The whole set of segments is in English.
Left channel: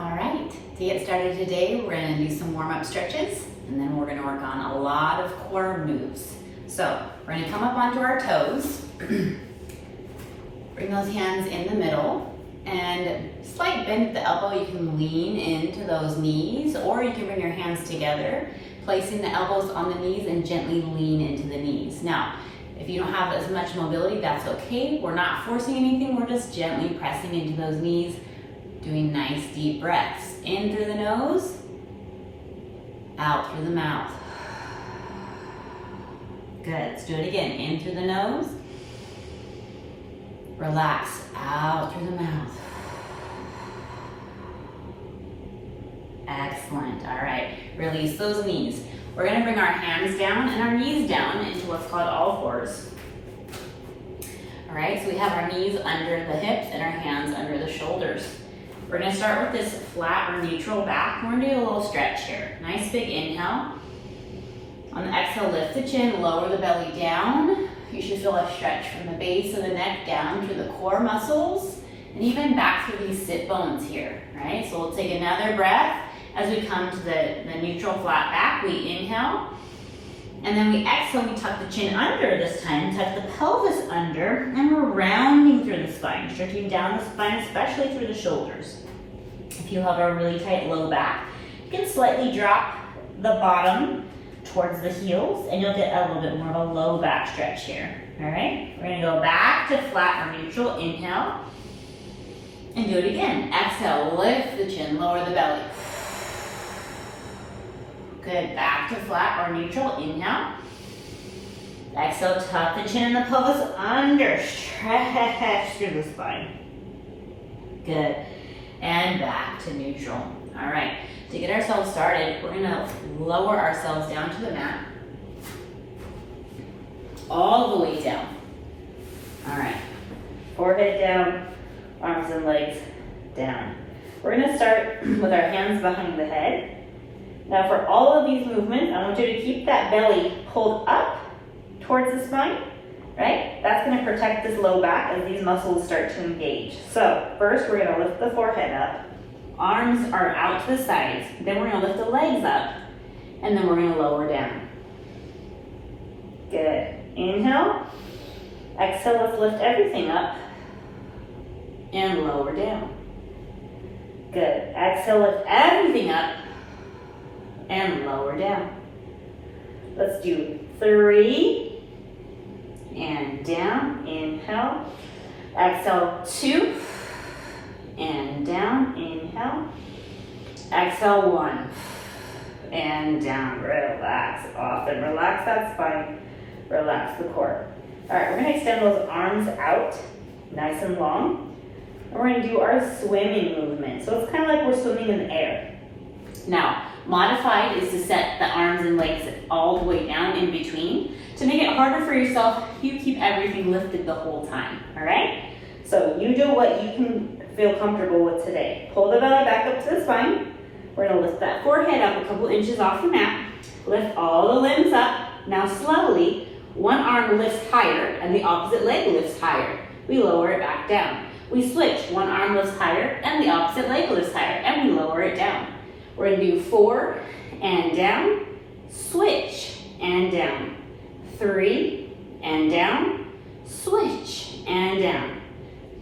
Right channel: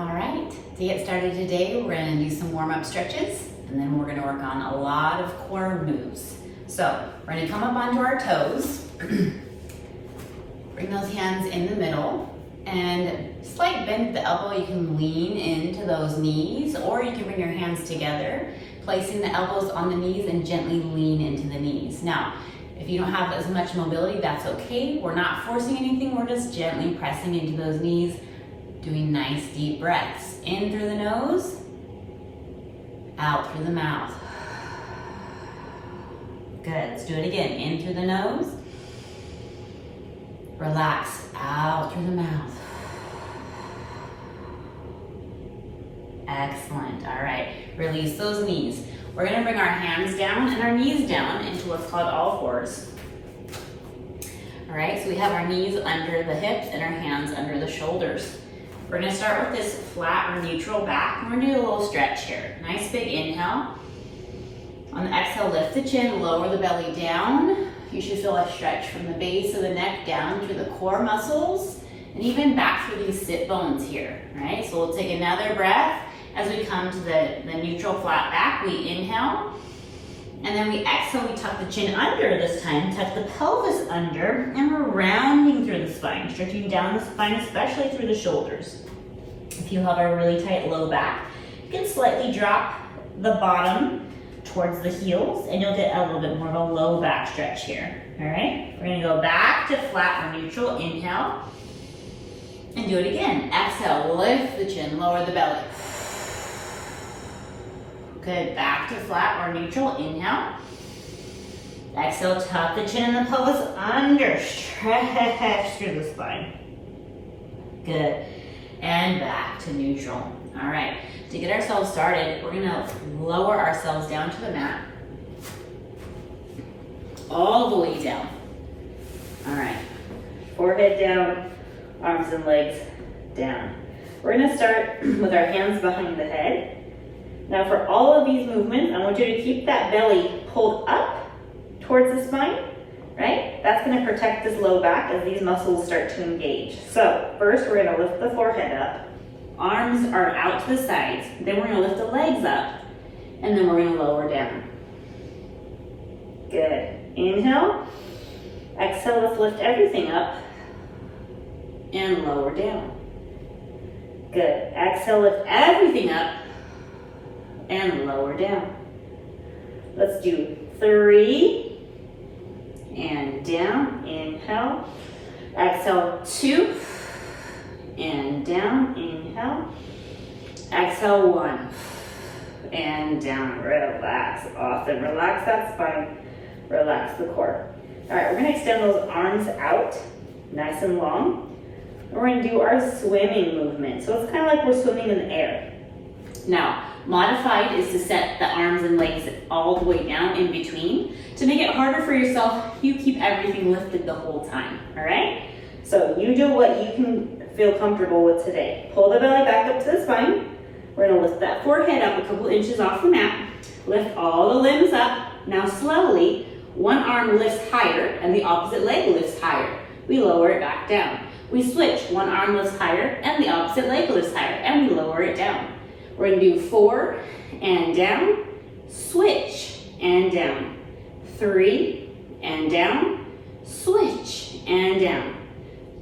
All right, to get started today, we're gonna do some warm-up stretches, and then we're gonna work on a lot of core moves. So we're gonna come up onto our toes, bring those hands in the middle, and slight bend at the elbow. You can lean into those knees, or you can bring your hands together, placing the elbows on the knees and gently lean into the knees. Now, if you don't have as much mobility, that's okay. We're not forcing anything, we're just gently pressing into those knees, doing nice deep breaths. In through the nose, out through the mouth. Good, let's do it again. In through the nose, relax, out through the mouth. Excellent, all right, release those knees. We're gonna bring our hands down and our knees down into what's called all fours. All right, so we have our knees under the hips and our hands under the shoulders. We're gonna start with this flat or neutral back. We're gonna do a little stretch here. Nice big inhale. On the exhale, lift the chin, lower the belly down. You should feel a stretch from the base of the neck down through the core muscles and even back through these sit bones here, right? So we'll take another breath as we come to the neutral flat back. We inhale, and then we exhale, we tuck the chin under this time, tuck the pelvis under, and we're rounding through the spine, stretching down the spine, especially through the shoulders. If you have a really tight low back, you can slightly drop the bottom towards the heels, and you'll get a little bit more of a low back stretch here, all right? We're gonna go back to flat or neutral, inhale, and do it again. Exhale, lift the chin, lower the belly. Good, back to flat or neutral, inhale. Exhale, tuck the chin and the pelvis under, stretch through the spine. Good, and back to neutral. All right, to get ourselves started, we're gonna lower ourselves down to the mat. All the way down. All right, forehead down, arms and legs down. We're gonna start with our hands behind the head. Now for all of these movements, I want you to keep that belly pulled up towards the spine, right? That's gonna protect this low back as these muscles start to engage. So first we're gonna lift the forehead up. Arms are out to the sides. Then we're gonna lift the legs up, and then we're gonna lower down. Good, inhale. Exhale, let's lift everything up and lower down. Good, exhale, lift everything up and lower down. Let's do 3 and down, inhale. Exhale, 2 and down, inhale. Exhale, 1 and down. Relax off and relax that spine, relax the core. All right, we're gonna extend those arms out nice and long. And we're gonna do our swimming movement. So it's kind of like we're swimming in the air. Now, modified is to set the arms and legs all the way down in between. To make it harder for yourself, you keep everything lifted the whole time, all right? So you do what you can feel comfortable with today. Pull the belly back up to the spine. We're gonna lift that forehead up a couple inches off the mat. Lift all the limbs up. Now slowly, one arm lifts higher and the opposite leg lifts higher. We lower it back down. We switch, one arm lifts higher and the opposite leg lifts higher, and we lower it down. We're gonna do 4 and down, switch and down. 3 and down, switch and down.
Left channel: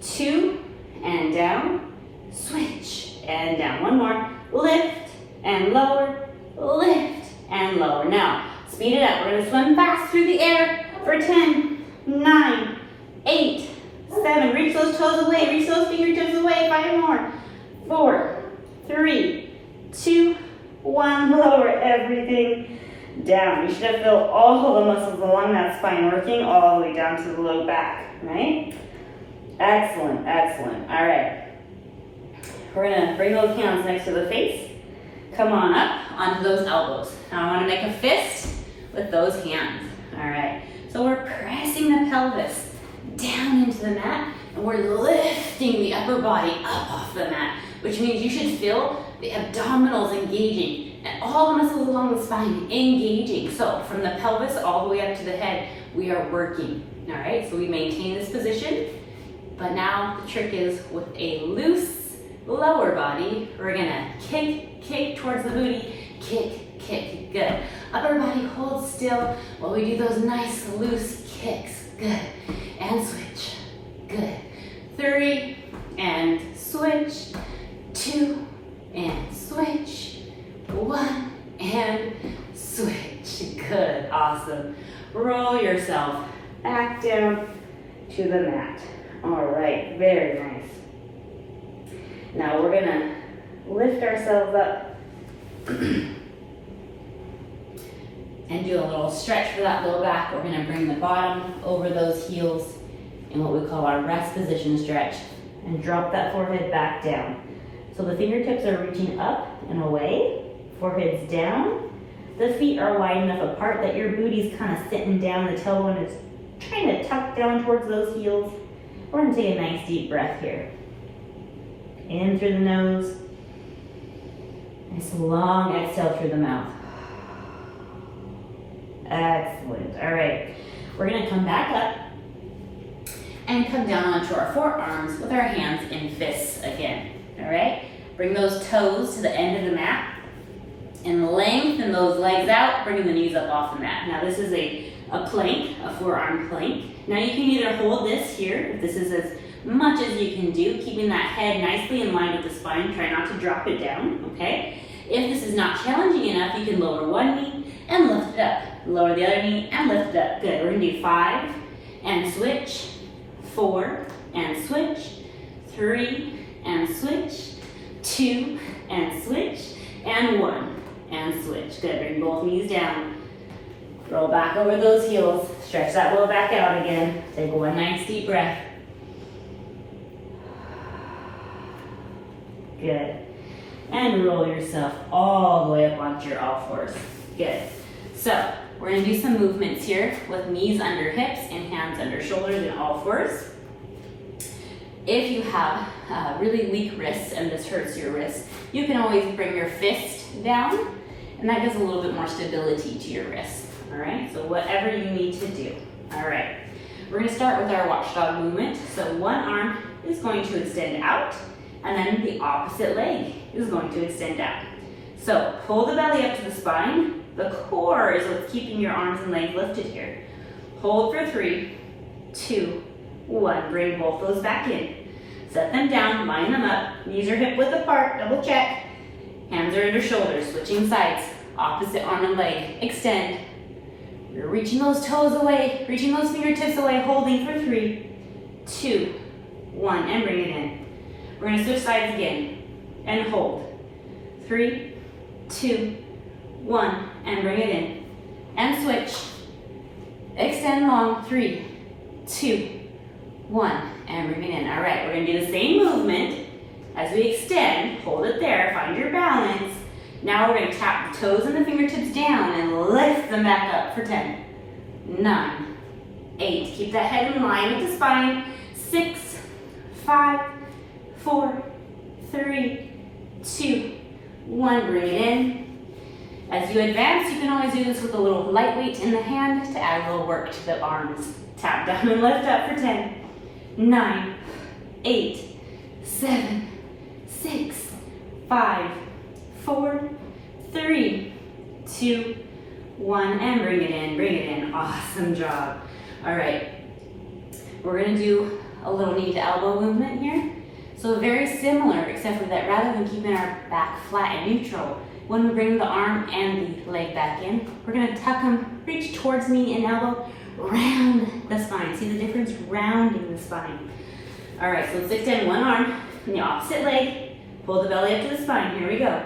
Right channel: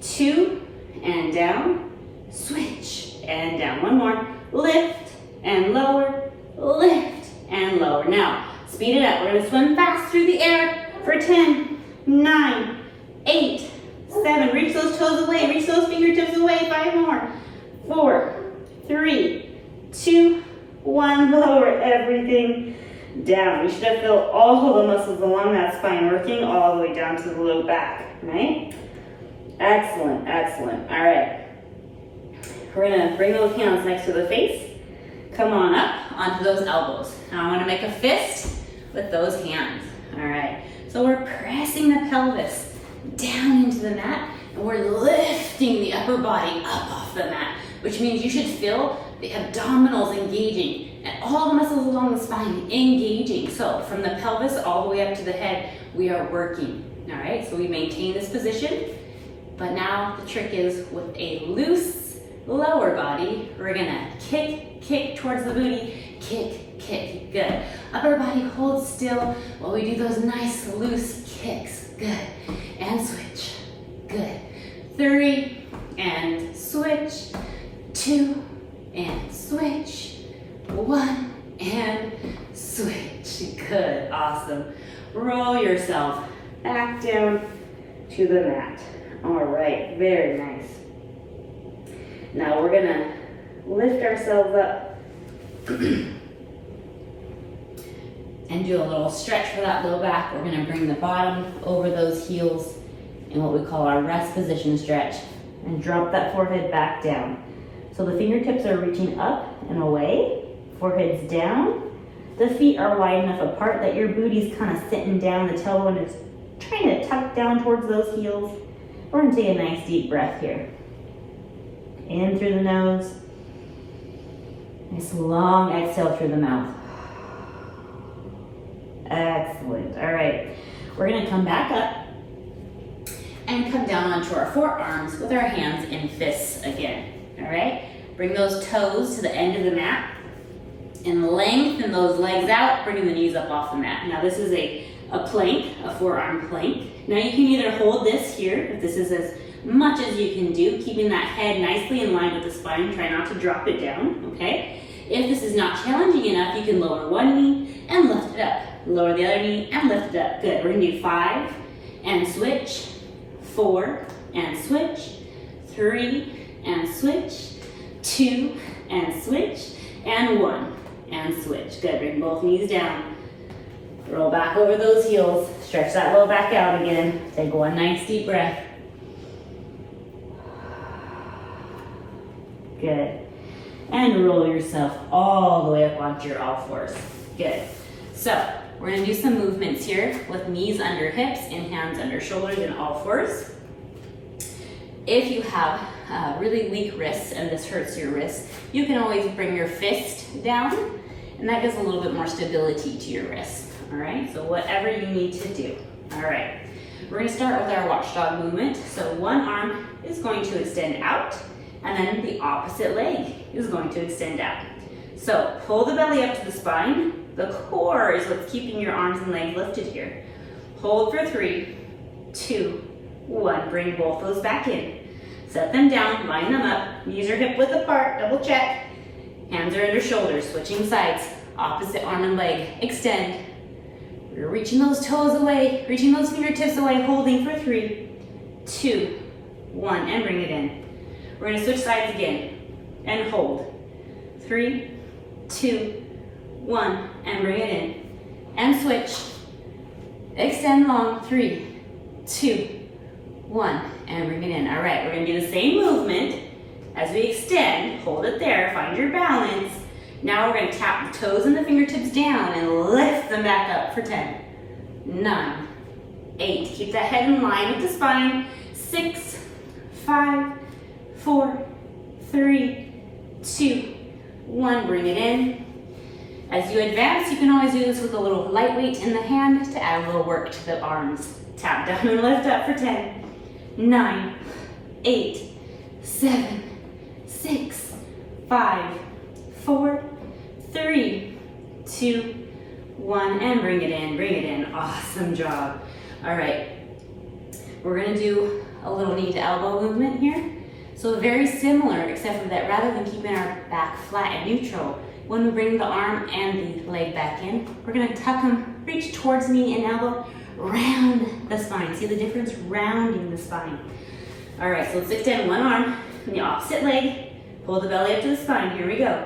2 and down, switch and down. One more, lift and lower, lift and lower. Now, speed it up. We're gonna swim fast through the air for 10, 9, 8, 7. Reach those toes away, reach those fingertips away. 5 more. 4, 3, 2, 1, lower everything down. You should have felt all of the muscles along that spine working all the way down to the low back, right? Excellent, excellent. All right. We're gonna bring those hands next to the face. Come on up onto those elbows. Now I wanna make a fist with those hands. All right. So we're pressing the pelvis down into the mat, and we're lifting the upper body up off the mat, which means you should feel the abdominals engaging and all the muscles along the spine engaging. So from the pelvis all the way up to the head, we are working. All right, so we maintain this position, but now the trick is with a loose lower body, we're gonna kick, kick towards the booty, kick, kick, good. Upper body, hold still while we do those nice loose kicks, good. And switch, good. 3, and switch, 2, and switch, 1, and switch, good, awesome. Roll yourself back down to the mat. All right, very nice. Now we're gonna lift ourselves up and do a little stretch for that low back. We're gonna bring the bottom over those heels in what we call our rest position stretch and drop that forehead back down. So the fingertips are reaching up and away, forehead's down. The feet are wide enough apart that your booty's kind of sitting down, the tailbone is trying to tuck down towards those heels. We're gonna take a nice deep breath here. In through the nose. Nice long exhale through the mouth. Excellent, all right. We're gonna come back up and come down onto our forearms with our hands in fists again, all right? Bring those toes to the end of the mat and lengthen those legs out, bringing the knees up off the mat. Now this is a plank, a forearm plank. Now you can either hold this here, if this is as much as you can do, keeping that head nicely in line with the spine. Try not to drop it down, okay? If this is not challenging enough, you can lower one knee and lift it up. Lower the other knee and lift it up. Good, we're gonna do 5 and switch, 4 and switch, 3 and switch, 2 and switch, and 1 and switch. Good, bring both knees down. Roll back over those heels. Stretch that low back out again. Take one nice deep breath. Good. And roll yourself all the way up onto your all fours. Good. So we're gonna do some movements here with knees under hips and hands under shoulders and all fours. If you have really weak wrists and this hurts your wrists, you can always bring your fist down and that gives a little bit more stability to your wrist. All right, so whatever you need to do. All right, we're gonna start with our watchdog movement. So one arm is going to extend out and then the opposite leg is going to extend out. So pull the belly up to the spine. The core is what's keeping your arms and legs lifted here. Hold for 3, 2, 1. Bring both those back in. Set them down, line them up. Knees are hip width apart, double check. Hands are under shoulders, switching sides. Opposite arm and leg, extend. We're reaching those toes away, reaching those fingertips away, holding for 3, 2, 1, and bring it in. We're gonna switch sides again, and hold. 3, 2, 1, and bring it in. And switch. Extend long, 3, 2, 1, and bring it in. All right, we're gonna do the same movement as we extend. Hold it there, find your balance. Now we're gonna tap the toes and the fingertips down and lift them back up for 10, 9, 8. Keep that head in line with the spine. 6, 5, 4, 3, 2, 1. Bring it in. As you advance, you can always do this with a little lightweight in the hand to add a little work to the arms. Tap down and lift up for 10, 9, 8, 7, 6, 5, 4, 3, 2, 1, and bring it in, bring it in. Awesome job. All right, we're gonna do a little knee to elbow movement here. So very similar, except for that rather than keeping our back flat and neutral, when we bring the arm and the leg back in, we're gonna tuck them, reach towards knee and elbow, round the spine. See the difference? Rounding the spine. All right, so let's extend one arm and the opposite leg. Pull the belly up to the spine. Here we go.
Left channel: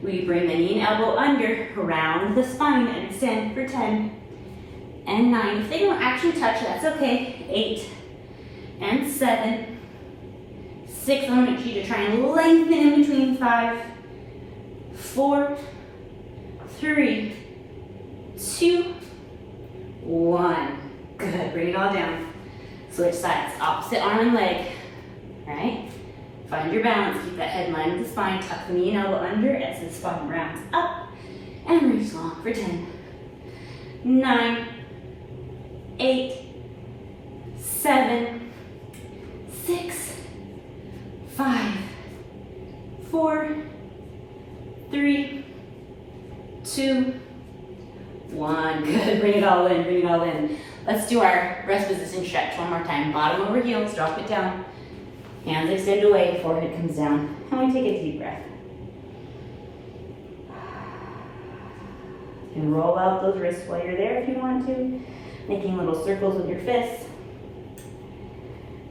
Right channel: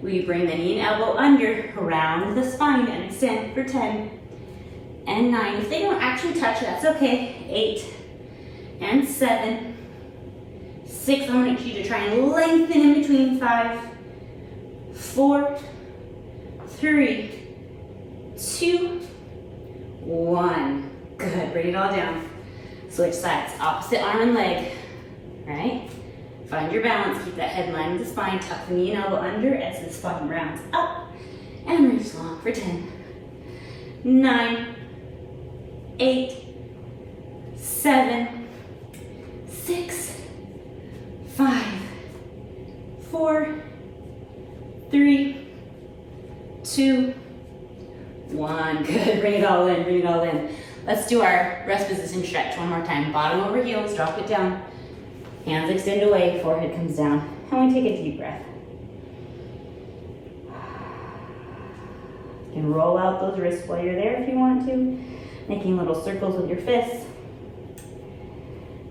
We bring the knee and elbow under, round the spine, and extend for 10 and 9. If they don't actually touch, that's okay. 8 and 7, 6. I want you to try and lengthen in between. 5, 4, 3, 2, 1. Good. Bring it all down. Switch sides. Opposite arm and leg. All right. Find your balance. Keep that head in line with the spine. Tuck the knee and elbow under as the spine rounds up. And reach long for 10, 9, 8, 7, 6, 5, 4, 3, 2, 1. Good, bring it all in, bring it all in. Let's do our rest position stretch one more time. Bottom over heels, drop it down. Hands extend away, forehead comes down. And we take a deep breath. You can roll out those wrists while you're there if you want to, making little circles with your fists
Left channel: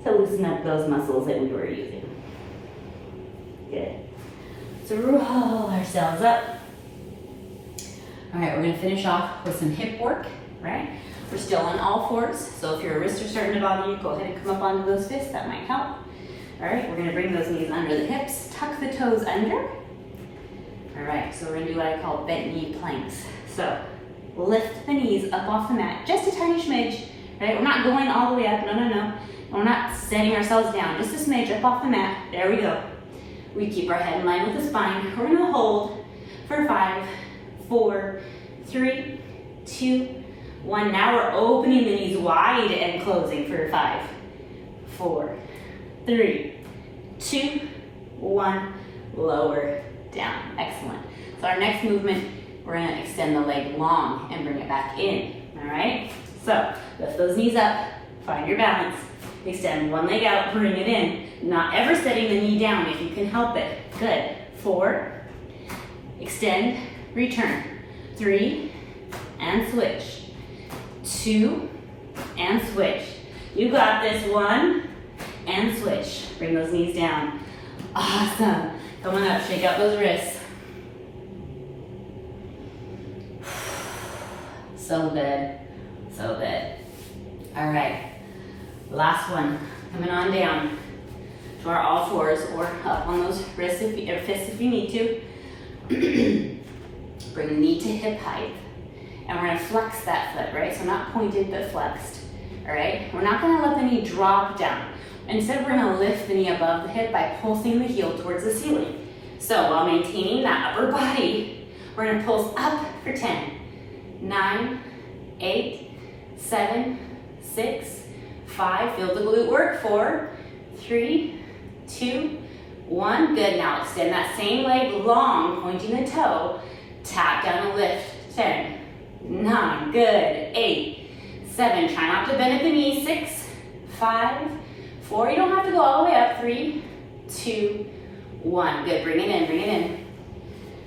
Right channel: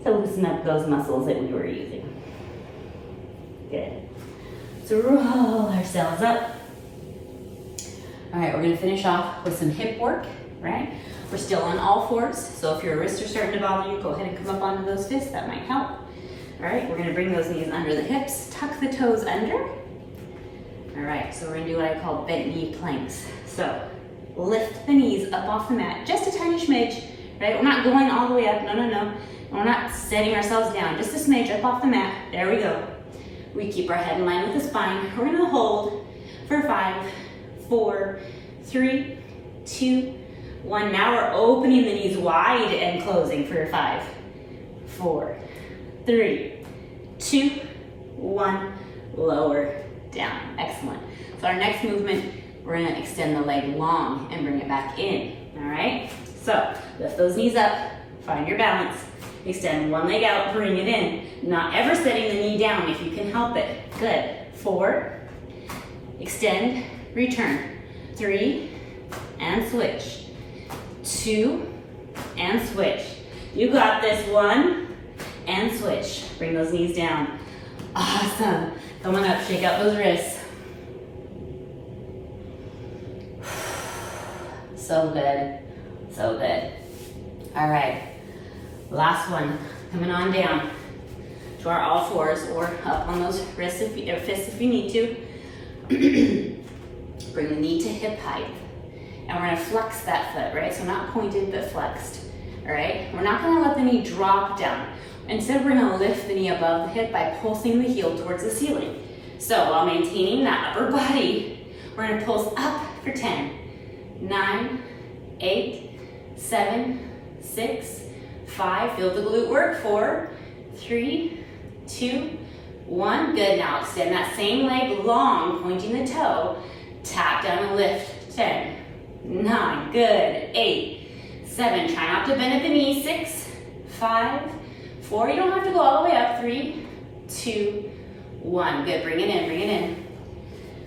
to loosen up those muscles that we were using. Good. So roll ourselves up. All right, we're gonna finish off with some hip work, right? We're still on all fours, so if your wrists are starting to bother you, go ahead and come up onto those fists, that might help. All right, we're gonna bring those knees under the hips, tuck the toes under. All right, so we're gonna do what I call bent knee planks. So lift the knees up off the mat, just a tiny smidge, right? We're not going all the way up, no. We're not setting ourselves down, just a smidge up off the mat. There we go. We keep our head in line with the spine. We're gonna hold for 5, 4, 3, 2, 1. Now we're opening the knees wide and closing for 5, 4, 3, 2, 1. Lower down. Excellent. So our next movement, we're gonna extend the leg long and bring it back in. All right? So lift those knees up, find your balance, extend one leg out, bring it in. Not ever setting the knee down if you can help it. Good. 4, extend, return. 3, and switch. 2, and switch. You got this. 1, and switch. Bring those knees down. Awesome. Come on up, shake out those wrists. So good, so good. All right, last one. Coming on down to our all fours or up on those wrists or fists if you need to. Bring the knee to hip height. And we're gonna flex that foot, right? So not pointed, but flexed, all right? We're not gonna let the knee drop down. Instead, we're gonna lift the knee above the hip by pulsing the heel towards the ceiling. So while maintaining that upper body, we're gonna pulse up for 10, 9, 8, 7, 6, 5, feel the glute work, 4, 3, 2, 1. Good, now extend that same leg long, pointing the toe, tap down and lift, 10, 9, good, 8, 7, try not to bend at the knee, 6, 5, 4, you don't have to go all the way up, 3, 2, 1, good, bring it in, bring it in.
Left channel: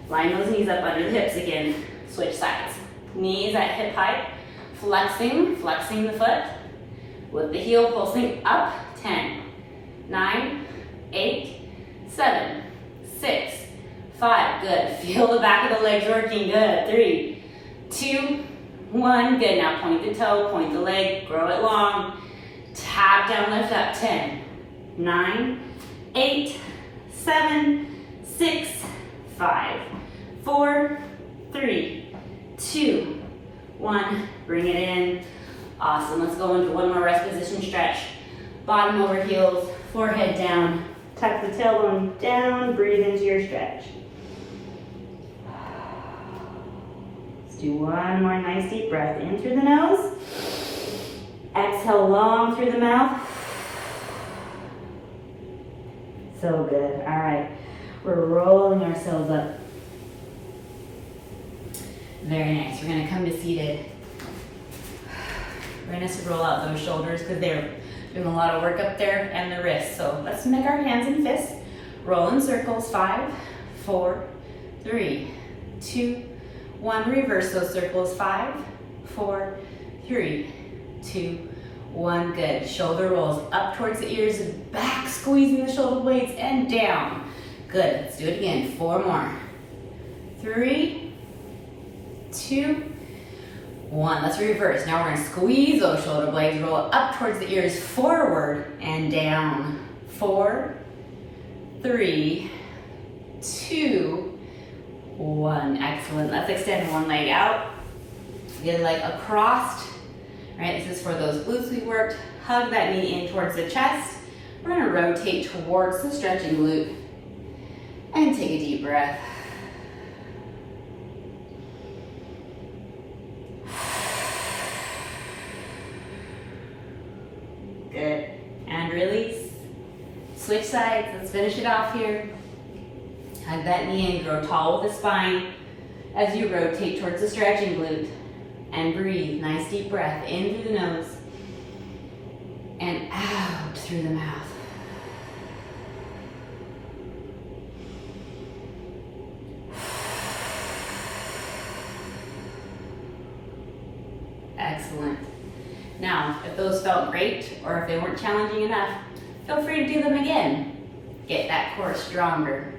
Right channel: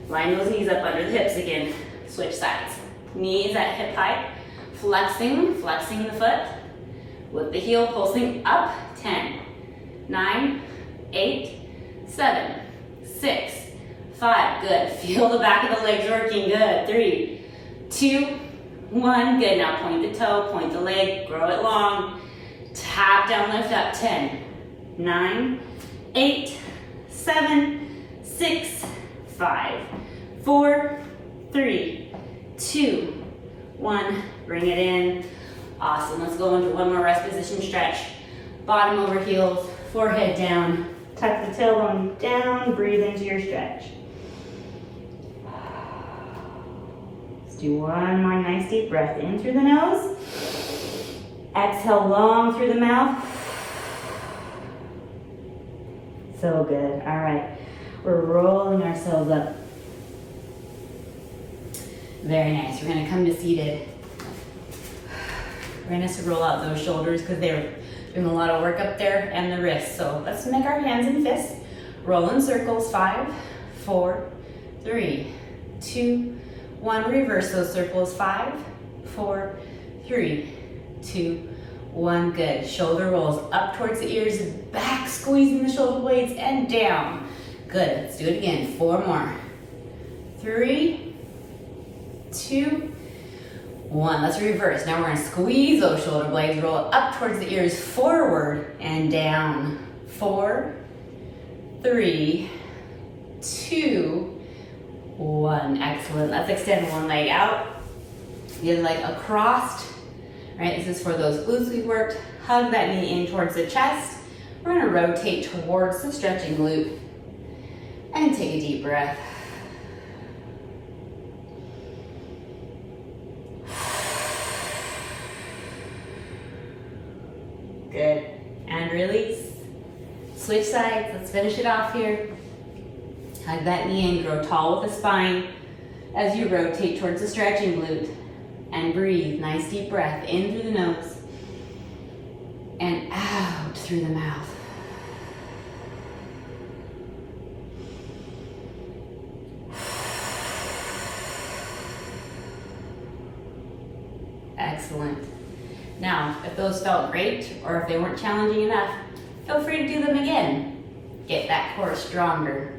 Line those knees up under the hips again, switch sides. Knees at hip height, flexing the foot, with the heel pulsing up, 10, 9, 8, 7, 6, 5, good. Feel the back of the legs working, good. 3, 2, 1, good. Now point the toe, point the leg, grow it long. Tap down, lift up, 10, 9, 8, 7, 6, 5, 4, 3, 2, 1. Bring it in. Awesome. Let's go into one more rest position stretch. Bottom over heels, forehead down. Tuck the tailbone down, breathe into your stretch. Let's do one more nice deep breath in through the nose. Exhale long through the mouth. So good. All right. We're rolling ourselves up. Very nice. We're going to come to seated. We're going to roll out those shoulders because they're doing a lot of work up there and the wrists. So let's make our hands and fists. Roll in circles. 5, 4, 3, 2, 1. Reverse those circles. 5, 4, 3, 2, 1. Good. Shoulder rolls up towards the ears, back squeezing the shoulder blades and down. Good. Let's do it again. 4 more. 3, 2, 1. Let's reverse. Now we're going to squeeze those shoulder blades, roll up towards the ears, forward and down. 4, 3, 2, 1. Excellent. Let's extend one leg out, the other leg across. Right, this is for those glutes we worked. Hug that knee in towards the chest. We're going to rotate towards the stretching glute and take a deep breath. Good. And release. Switch sides. Let's finish it off here. Hug that knee in, grow tall with the spine as you rotate towards the stretching glute. And breathe, nice deep breath in through the nose and out through the mouth. Excellent. Now, if those felt great or if they weren't challenging enough, feel free to do them again. Get that core stronger.